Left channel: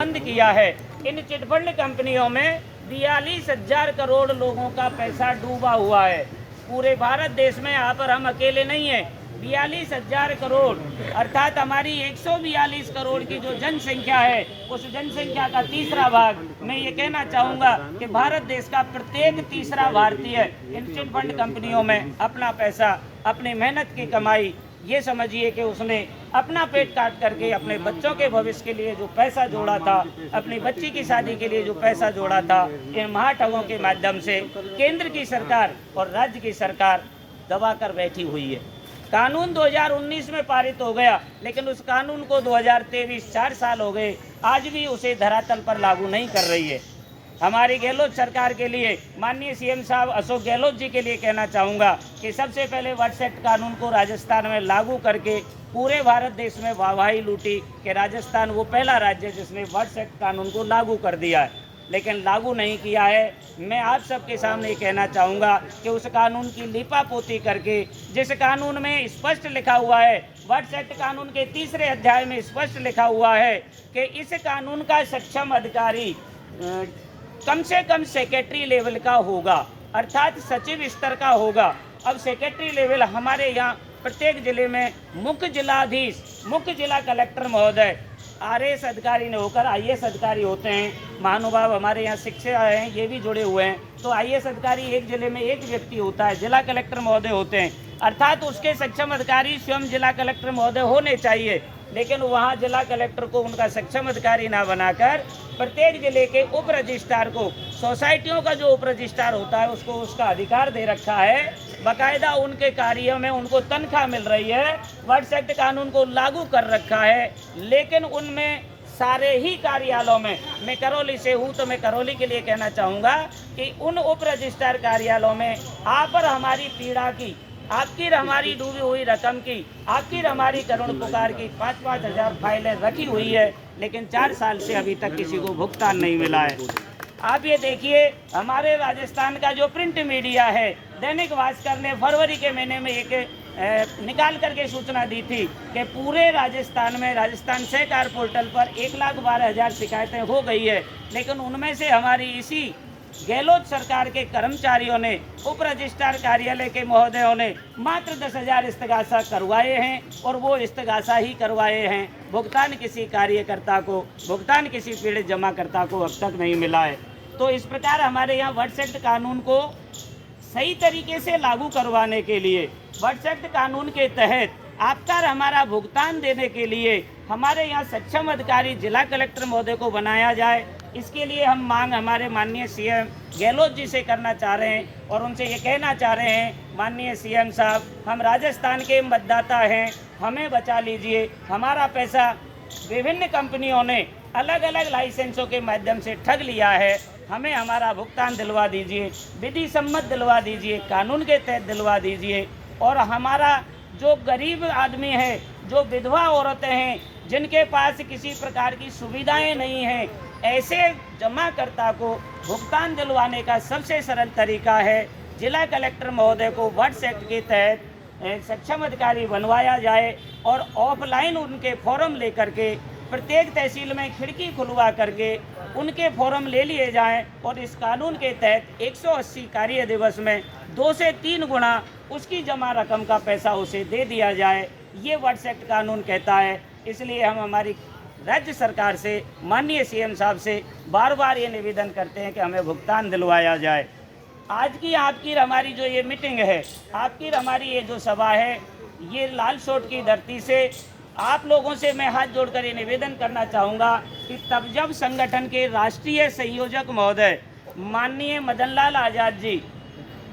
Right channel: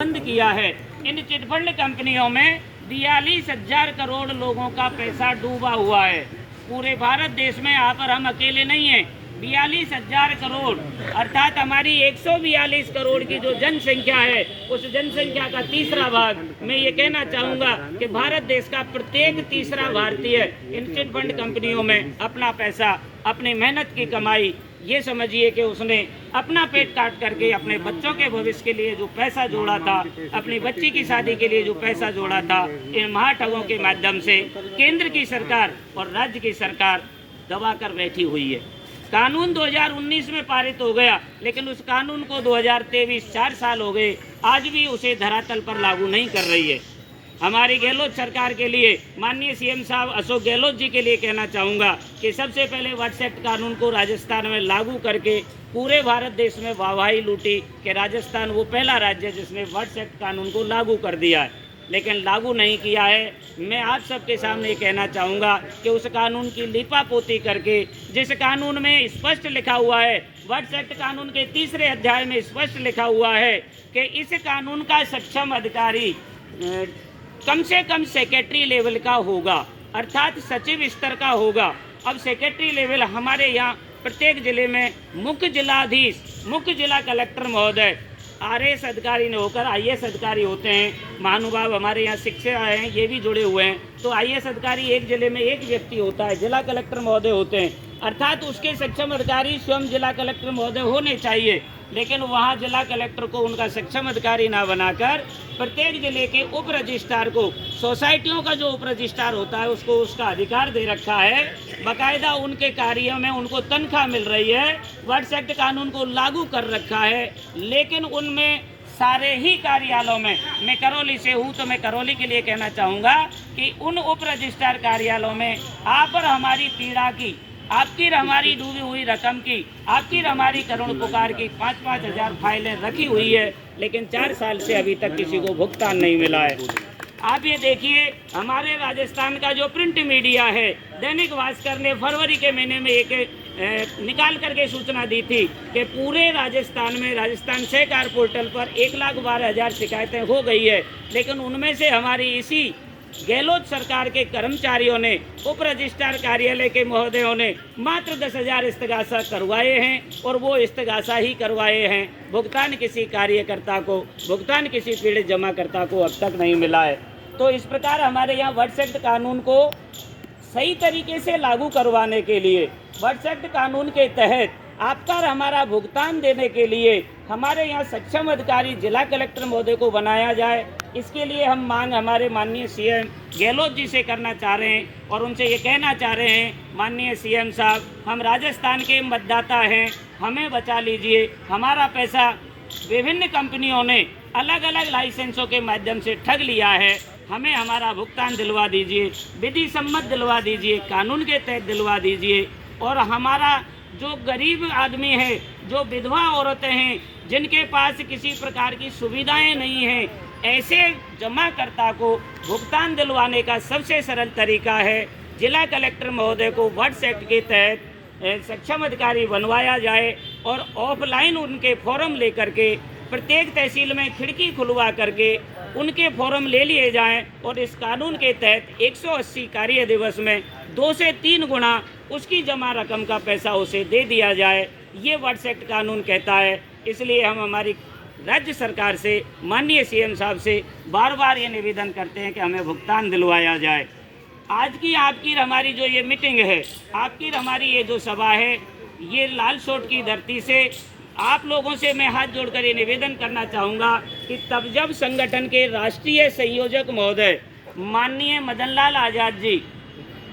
बंद किया है। इन चिटफंड कंपनियों में 42,000 करोड़ लोगों का पैसा डूबा हुआ है। पूरे भारत देश में यहाँ पर हम अकेले नहीं हैं। 42,000 करोड़ अर्थात हमारी 142 करोड़ की जो जनसंख्या है, उस जनसंख्या का तीसरा भाग, मैं ये कहना चाहूँगा कि भारत देश का प्रत्येक तीसरा भारतीय इन चिटफंड कंपनियों में अपना पैसा, अपनी मेहनत की कमाई, ये समझिए कि उसने अपना पेट काट करके अपने बच्चों के भविष्य के लिए जो पैसा जोड़ा था, अपनी बच्ची की शादी के लिए जो पैसा जोड़ा था, इन महाठगों के माध्यम से केंद्र की सरकार और राज्य की सरकार दबा कर बैठी हुई है। कानून 2019 में पारित हो गया, लेकिन उस कानून को 2023 4 साल हो गए, आज भी उसे धरातल पर लागू नहीं कर रही है। हमारी गहलोत सरकार के लिए, माननीय सीएम साहब अशोक गहलोत जी के लिए कहना चाहूँगा कि सबसे पहले वर्ड्स एक्ट कानून को राजस्थान में लागू करके पूरे भारत देश में वाहवाही लूटी कि राजस्थान वो पहला राज्य है जिसने वर्ड्स एक्ट कानून को लागू कर दिया है, लेकिन लागू नहीं किया है। मैं आप सबके सामने कहना चाहूँगा कि उस कानून की लिपापोती करके, जिस कानून में स्पष्ट लिखा हुआ है, वर्ड्स एक्ट कानून के 3रे अध्याय में स्पष्ट लिखा हुआ है कि इस कानून का सक्षम अधिकारी कम से कम सेक्रेटरी लेवल का होगा, अर्थात सचिव स्तर का होगा। अब सेक्रेटरी लेवल हमारे यहाँ प्रत्येक जिले में मुख्य जिलाधीश, मुख्य जिला कलेक्टर महोदय, आरएएस अधिकारी ने होकर आईएएस अधिकारी होते हैं। महानुभाव हमारे यहाँ शिक्षा हैं, ये भी जुड़े हुए हैं। तो आईएएस अधिकारी एक जिले में एक व्यक्ति होता है, जिला कलेक्टर महोदय होते हैं, अर्थात उसके सक्षम अधिकारी स्वयं जिला कलेक्टर महोदय होने चाहिए। लेकिन वहाँ जिला कलेक्टर को उनका सक्षम अधिकारी ना बनाकर प्रत्येक जिले के उप रजिस्ट्रार को, सोसाइटियों का जो उप रजिस्ट्रार होता है उसको उसका अधिकार दे रखा है। बाकायदा उनके कार्य में उनको तनख्वाह मिल रही है, वर्ड्स एक्ट कानून को लागू कर रखा है, लेकिन उनमें सारे ही कार्यालयों में, मैं करौली से हूँ तो मैं करौली के लिए कहना चाहूँगा कि उन उप रजिस्ट्रार कार्यालयों में आप पर हमारी पीड़ा की, आपकी हमारी डूबी हुई रकम की, आपकी हमारी करुण पुकार की 5-5 हज़ार फाइलें रखी हुई है, लेकिन 4 साल से अभी तक किसी को भुगतान नहीं मिला है। आप ये देखिए, हमारे राजस्थान का जो प्रिंट मीडिया है, दैनिक भास्कर ने फरवरी के महीने में एक निकाल करके सूचना दी थी कि पूरे राजस्थान में राजस्थान सहकार पोर्टल पर 1,12,000 शिकायतें हो गई है, लेकिन उनमें से हमारी इसी गहलोत सरकार के कर्मचारियों ने, उप रजिस्ट्रार कार्यालय के महोदयों ने मात्र 10,000 इस्तगासा करवाए हैं, और वो इस्तगासा ही करवाए हैं। भुगतान किसी कार्यकर्ता को, भुगतान किसी पीड़ित जमाकर्ता को अब तक नहीं मिला है। तो इस प्रकार हमारे यहाँ वर्ड्स एक्ट कानून को सही तरीके से लागू करवाने के लिए, वर्ड्स एक्ट कानून के तहत आपका हमारा भुगतान देने के लिए हमारे यहाँ सक्षम अधिकारी जिला कलेक्टर महोदय को बनाया जाए। इसके लिए हम मांग हमारे माननीय सीएम गहलोत जी से करना चाह रहे हैं, और उनसे ये कहना चाह रहे हैं, माननीय सीएम साहब, हम राजस्थान के मतदाता हैं, हमें बचा लीजिए। हमारा पैसा विभिन्न कंपनियों ने अलग अलग लाइसेंसों के माध्यम से ठग लिया है, हमें हमारा भुगतान दिलवा दीजिए, विधि सम्मत दिलवा दीजिए, कानून के तहत दिलवा दीजिए। और हमारा जो गरीब आदमी है, जो विधवा औरतें हैं, जिनके पास किसी प्रकार की सुविधाएं नहीं हैं, ऐसे जमाकर्ता को भुगतान दिलवाने का सबसे सरल तरीका है जिला कलेक्टर महोदय को वर्ड्स एक्ट के तहत सक्षम अधिकारी बनवाया जाए, और ऑफलाइन उनके फॉर्म लेकर के प्रत्येक तहसील में खिड़की खुलवा करके उनके फॉर्म ले लिए जाएं, और इस कानून के तहत 180 कार्य दिवस में 2 से 3 गुना उसकी जमा रकम का पैसा उसे दे दिया जाए। ये वर्ड्स एक्ट कानून कहता है। इसलिए हम हमारी राज्य सरकार से, माननीय सीएम साहब से बार बार ये निवेदन करते हैं कि हमें भुगतान दिलवाया जाए। आज की आपकी हमारी जो ये मीटिंग है, आपकी हमारी ये जो सभा है, ये लाल सोट की धरती से आप लोगों से मैं हाथ जोड़कर ये निवेदन करना चाहूँगा कि तब जब संगठन के राष्ट्रीय संयोजक महोदय माननीय मदन लाल आज़ाद जी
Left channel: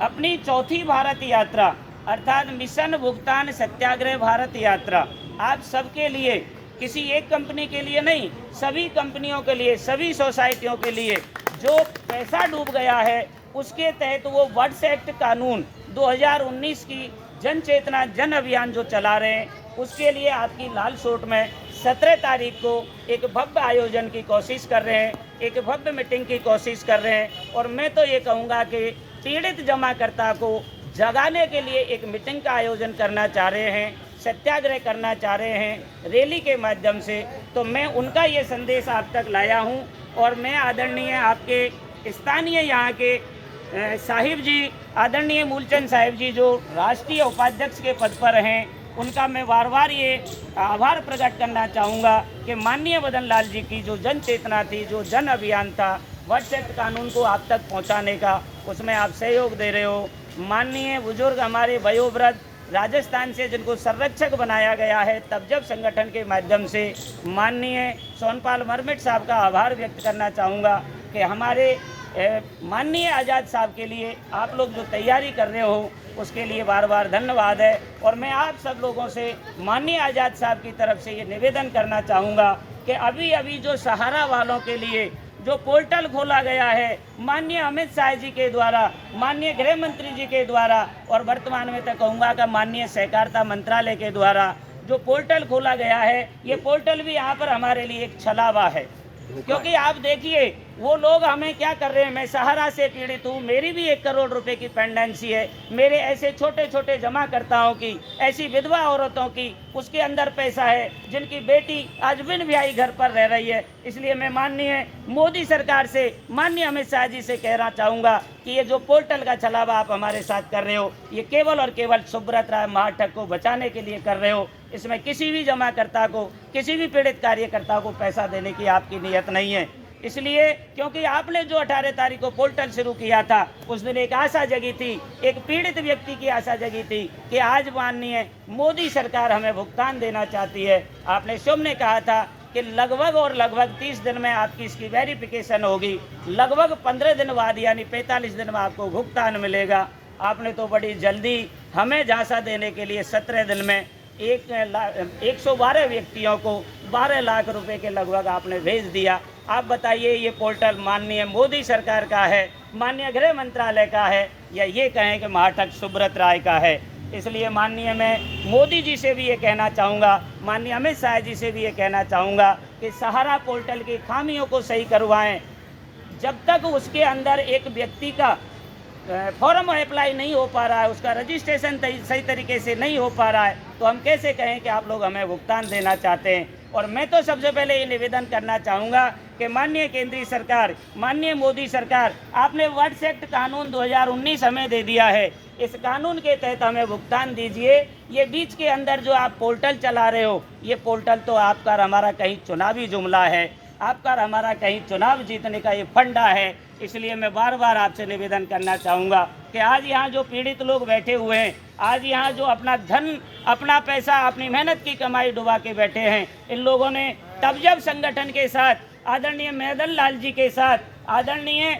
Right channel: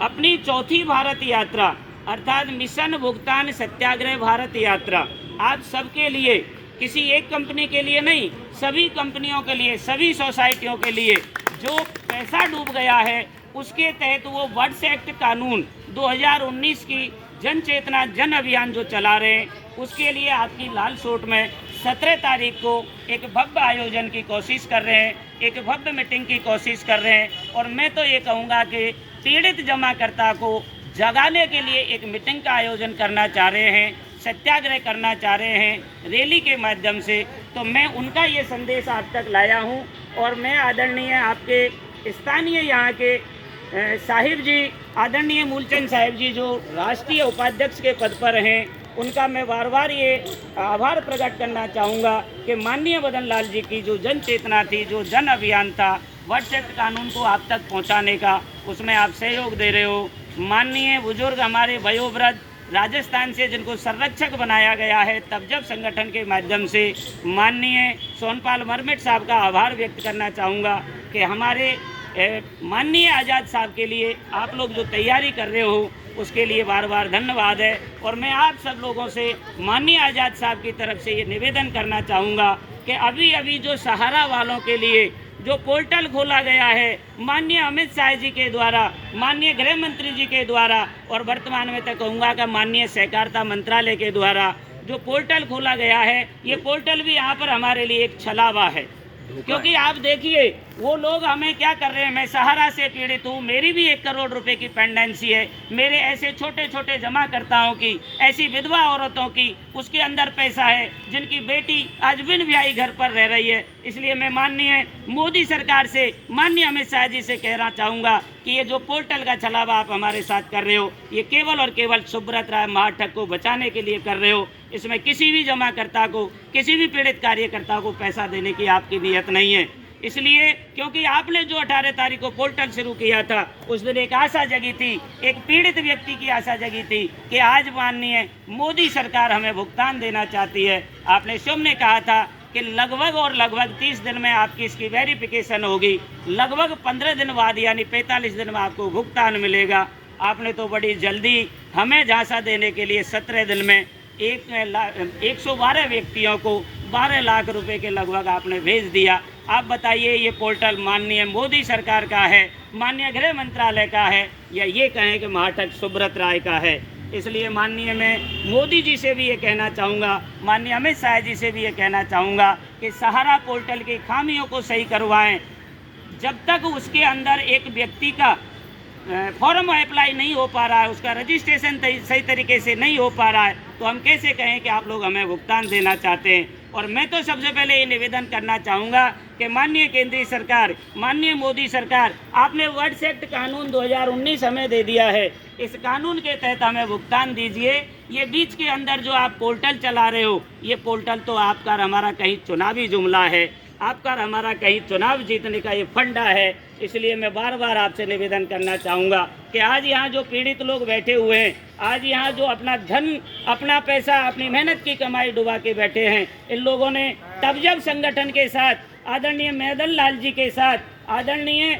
अपनी 4थी भारत यात्रा, अर्थात मिशन भुगतान सत्याग्रह भारत यात्रा, आप सबके लिए, किसी एक कंपनी के लिए नहीं, सभी कंपनियों के लिए, सभी सोसाइटियों के लिए जो पैसा डूब गया है, उसके तहत वो वर्ड्स एक्ट कानून 2019 की जन चेतना जन अभियान जो चला रहे हैं, उसके लिए आपकी लाल सोट में 17 तारीख को एक भव्य आयोजन की कोशिश कर रहे हैं, एक भव्य मीटिंग की कोशिश कर रहे हैं। और मैं तो ये कहूँगा कि पीड़ित जमाकर्ता को जगाने के लिए एक मीटिंग का आयोजन करना चाह रहे हैं, सत्याग्रह करना चाह रहे हैं, रैली के माध्यम से तो मैं उनका ये संदेश आप तक लाया हूँ। और मैं आदरणीय आपके स्थानीय यहाँ के साहिब जी, आदरणीय मूलचंद साहिब जी जो राष्ट्रीय उपाध्यक्ष के पद पर हैं, उनका मैं बार बार ये आभार प्रकट करना चाहूँगा कि माननीय मदन लाल जी की जो जन चेतना थी, जो जन अभियान था वर्ड्स एक्ट कानून को आप तक पहुँचाने का, उसमें आप सहयोग दे रहे हो। माननीय बुजुर्ग हमारे वयोवृद्ध राजस्थान से जिनको संरक्षक बनाया गया है तब जब संगठन के माध्यम से, माननीय सोनपाल मरमिट साहब का आभार व्यक्त करना चाहूँगा कि हमारे माननीय आज़ाद साहब के लिए आप लोग जो तैयारी कर रहे हो उसके लिए बार बार धन्यवाद है। और मैं आप सब लोगों से माननीय आज़ाद साहब की तरफ से ये निवेदन करना चाहूँगा कि अभी अभी जो सहारा वालों के लिए जो पोर्टल खोला गया है माननीय अमित शाह जी के द्वारा, माननीय गृह मंत्री जी के द्वारा, और वर्तमान में तो कहूँगा कि माननीय सहकारिता मंत्रालय के द्वारा जो पोर्टल खोला गया है, ये पोर्टल भी यहाँ पर हमारे लिए एक छलावा है। क्योंकि आप देखिए वो लोग हमें क्या कर रहे हैं। मैं सहारा से पीड़ित हूँ, मेरी भी 1 करोड़ रुपए की पेंडेंसी है। मेरे ऐसे छोटे छोटे जमाकर्ताओं की, ऐसी विधवा औरतों की उसके अंदर पैसा है जिनकी बेटी आज बिन ब्याही घर पर रह रही है। इसलिए मैं माननीय मोदी सरकार से, माननीय अमित शाह जी से कहना चाहूँगा कि ये जो पोर्टल का छलावा आप हमारे साथ कर रहे हो, ये केवल और केवल सुब्रत राय महाठग को बचाने के लिए कर रहे हो। इसमें किसी भी जमाकर्ता को, किसी भी पीड़ित कार्यकर्ता को पैसा देने की आपकी नीयत नहीं है। इसलिए क्योंकि आपने जो 18 तारीख को पोर्टल शुरू किया था उस दिन एक आशा जगी थी, एक पीड़ित व्यक्ति की आशा जगी थी कि आज माननीय मोदी सरकार हमें भुगतान देना चाहती है। आपने शुभ ने कहा था कि लगभग 30 दिन में आपकी इसकी वेरिफिकेशन होगी, लगभग 15 दिन बाद यानी 45 दिन में आपको भुगतान मिलेगा। आपने तो बड़ी जल्दी हमें झांसा देने के लिए 17 दिन में 112 व्यक्तियों को 12 लाख रुपए के लगभग आपने भेज दिया। आप बताइए ये पोर्टल माननीय मोदी सरकार का है, माननीय गृह मंत्रालय का है, या ये कहें कि महाठग सुब्रत राय का है। इसलिए माननीय मैं मोदी जी से भी ये कहना चाहूँगा, माननीय अमित शाह जी से भी ये कहना चाहूँगा कि सहारा पोर्टल की खामियों को सही करवाएं। जब तक उसके अंदर एक व्यक्ति का फॉर्म अप्लाई नहीं हो पा रहा है, उसका रजिस्ट्रेशन सही तरीके से नहीं हो पा रहा है, तो हम कैसे कहें कि आप लोग हमें भुगतान देना चाहते हैं। और मैं तो सबसे पहले ये निवेदन करना चाहूँगा कि माननीय केंद्रीय सरकार, माननीय मोदी सरकार, आपने वर्ड्स एक्ट कानून 2019 हमें दे दिया है, इस कानून के तहत हमें भुगतान दीजिए। ये बीच के अंदर जो आप पोर्टल चला रहे हो, ये पोर्टल तो आपका हमारा कहीं चुनावी जुमला है, आपका हमारा कहीं चुनाव जीतने का ये फंडा है। इसलिए मैं बार बार आपसे निवेदन करना चाहूँगा कि आज यहाँ जो पीड़ित लोग बैठे हुए हैं, आज यहाँ जो अपना धन, अपना पैसा, अपनी मेहनत की कमाई डुबा के बैठे हैं, इन लोगों ने तब जब संगठन के साथ, आदरणीय मदन लाल जी के साथ, आदरणीय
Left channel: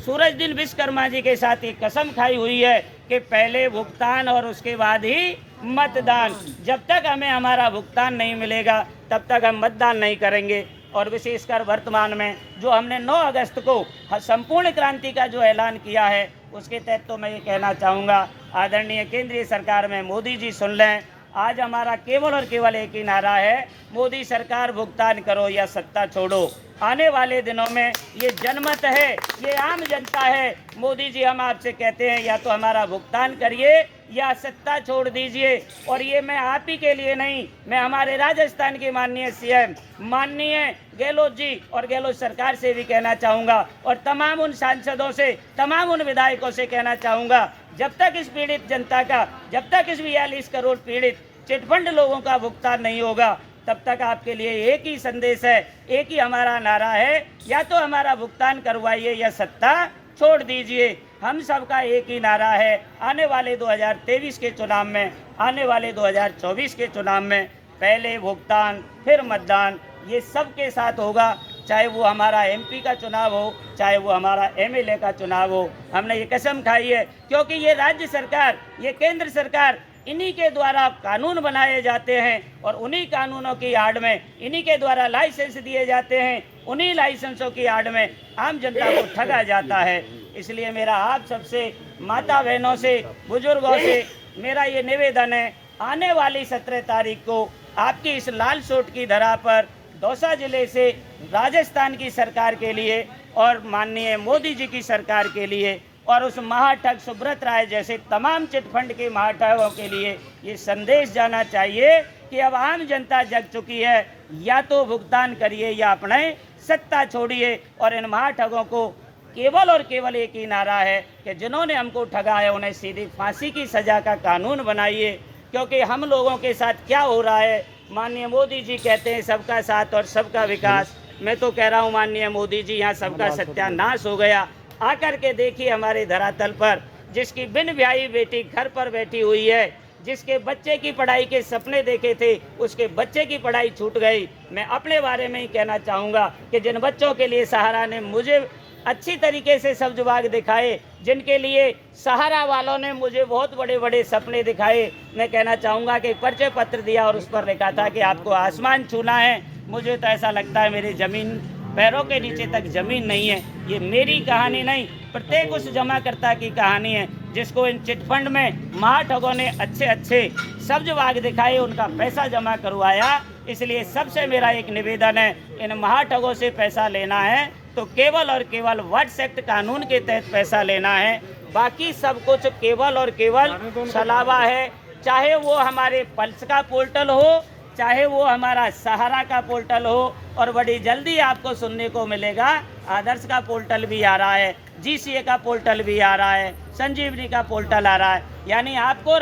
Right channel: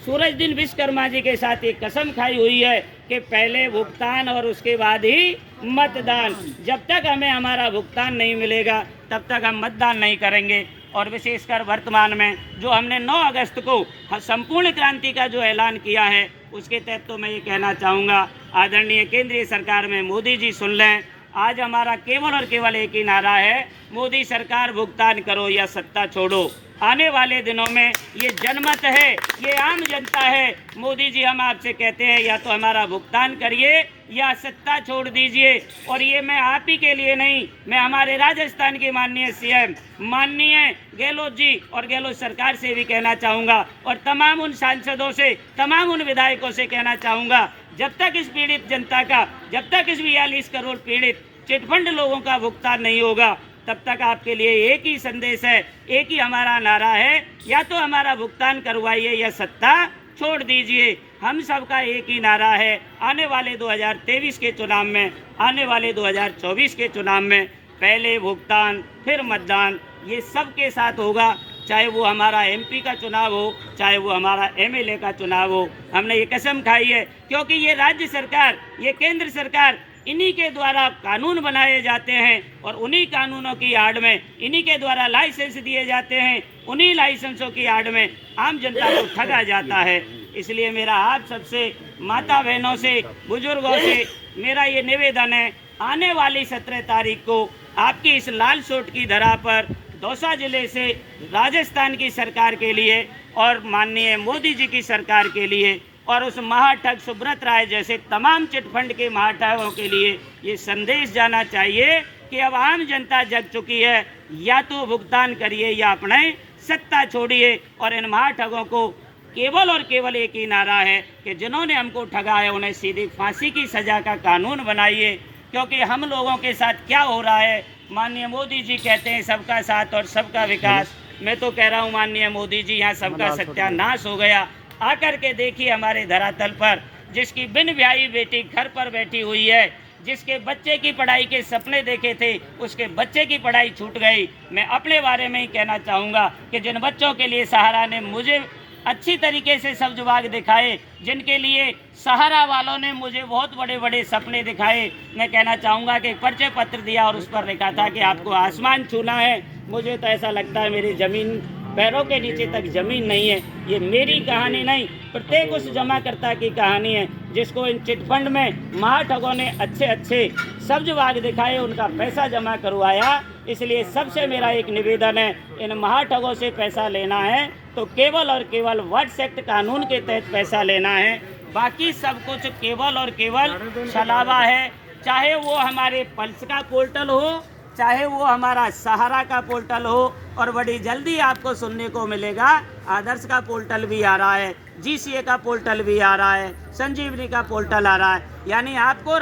सूरजदीन विश्वकर्मा जी के साथ एक कसम खाई हुई है कि पहले भुगतान और उसके बाद ही मतदान। जब तक हमें हमारा भुगतान नहीं मिलेगा तब तक हम मतदान नहीं करेंगे। और विशेषकर वर्तमान में जो हमने 9 अगस्त को संपूर्ण क्रांति का जो ऐलान किया है, उसके तहत तो मैं ये कहना चाहूँगा आदरणीय केंद्रीय सरकार में मोदी जी सुन लें। आज हमारा केवल और केवल एक ही नारा है, मोदी सरकार भुगतान करो या सत्ता छोड़ो। आने वाले दिनों में ये जनमत है, ये आम जनता है। मोदी जी हम आपसे कहते हैं या तो हमारा भुगतान करिए या सत्ता छोड़ दीजिए। और ये मैं आप ही के लिए नहीं, मैं हमारे राजस्थान के माननीय सीएम माननीय गहलोत जी और गहलोत सरकार से भी कहना चाहूँगा, और तमाम उन सांसदों से, तमाम उन विधायकों से कहना चाहूँगा, जब तक इस पीड़ित जनता का, जब तक इस 42 करोड़ पीड़ित चिटफंड लोगों का भुगतान नहीं होगा, तब तक आपके लिए एक ही संदेश है, एक ही हमारा नारा है, या तो हमारा भुगतान करवाइए या सत्ता छोड़ दीजिए। हम सबका एक ही नारा है, आने वाले 2023 के चुनाव में, आने वाले 2024 के चुनाव में पहले भुगतान फिर मतदान, ये सबके साथ होगा। चाहे वो हमारा एमपी का चुनाव हो, चाहे वो हमारा एमएलए का चुनाव हो। हमने ये कसम खाई है, क्योंकि ये राज्य सरकार, ये केंद्र सरकार, इन्हीं के द्वारा कानून बनाए जाते हैं और उन्हीं कानूनों की आड़ में, इन्हीं के द्वारा लाइसेंस दिए जाते हैं, उन्हीं लाइसेंसों की आड़ में आम जनता को ठगा जाता है। इसलिए मेरा आप सबसे, माता बहनों से, बुजुर्गों से मेरा ये निवेदन है, आने वाली 17 तारीख को आपकी इस लाल सूट की धरा पर दौसा जिले से राजस्थान की सरकार के लिए और माननीय मोदी जी की सरकार के लिए और उस महाठग सुब्रत राय जैसे तमाम चिटफंड के महाठगों के लिए ये संदेश जाना चाहिए कि अब आम जनता जग चुकी है, या तो भुगतान करिए या अपने सत्ता छोड़िए। और इन महाठगों को केवल और केवल एक ही नारा है कि जिन्होंने हमको ठगा है उन्हें सीधी फांसी की सज़ा का कानून बनाइए। क्योंकि हम लोगों के साथ क्या हो रहा है, माननीय मोदी जी कहते हैं सबका साथ और सबका विकास। मैं तो कह रहा हूँ माननीय मोदी जी, यहाँ सबका सत्यानाश हो गया। आकर के देखिए हमारे धरातल पर, जिसकी बिन ब्याही बेटी घर पर बैठी हुई है, जिसके बच्चे की पढ़ाई के सपने देखे थे, उसके बच्चे की पढ़ाई छूट गई। मैं अपने बारे में ही कहना चाहूँगा कि जिन बच्चों के लिए सहारा ने मुझे अच्छी तरीके से सब्ज बाग दिखाए, जिनके लिए सहारा वालों ने मुझे बहुत बड़े बड़े सपने दिखाए, मैं कहना चाहूँगा कि एक परिचय पत्र दिया और उस पर लिखा था कि आपको आसमान छूना है। मुझे तो ऐसा लगता है मेरी ज़मीन पैरों के नीचे तक ज़मीन नहीं है। ये मेरी कहानी नहीं, प्रत्येक उस जमाकर्ता की कहानी है जिसको इन चिटफंड में महाठगों ने अच्छे अच्छे सब्ज बाग दिखाए, उनका पैसा जमा करवाया। इसलिए सबसे मेरा एक निवेदन है, इन महाठगों से पैसा लेना है तो केवल और केवल वट्स एक्ट कानून के तहत पैसा लेना है। बाकी सब कुछ केवल और केवल छलावा है। चाहे वो हमारे पल्स का पोर्टल हो, चाहे वो हमारा सहारा का पोर्टल हो, और बड़ी जल्दी आपको सुनने को मिलेगा आदर्श का पोर्टल भी आ रहा है, GCA का पोर्टल भी आ रहा है, संजीवनी का पोर्टल आ रहा है। यानी आपको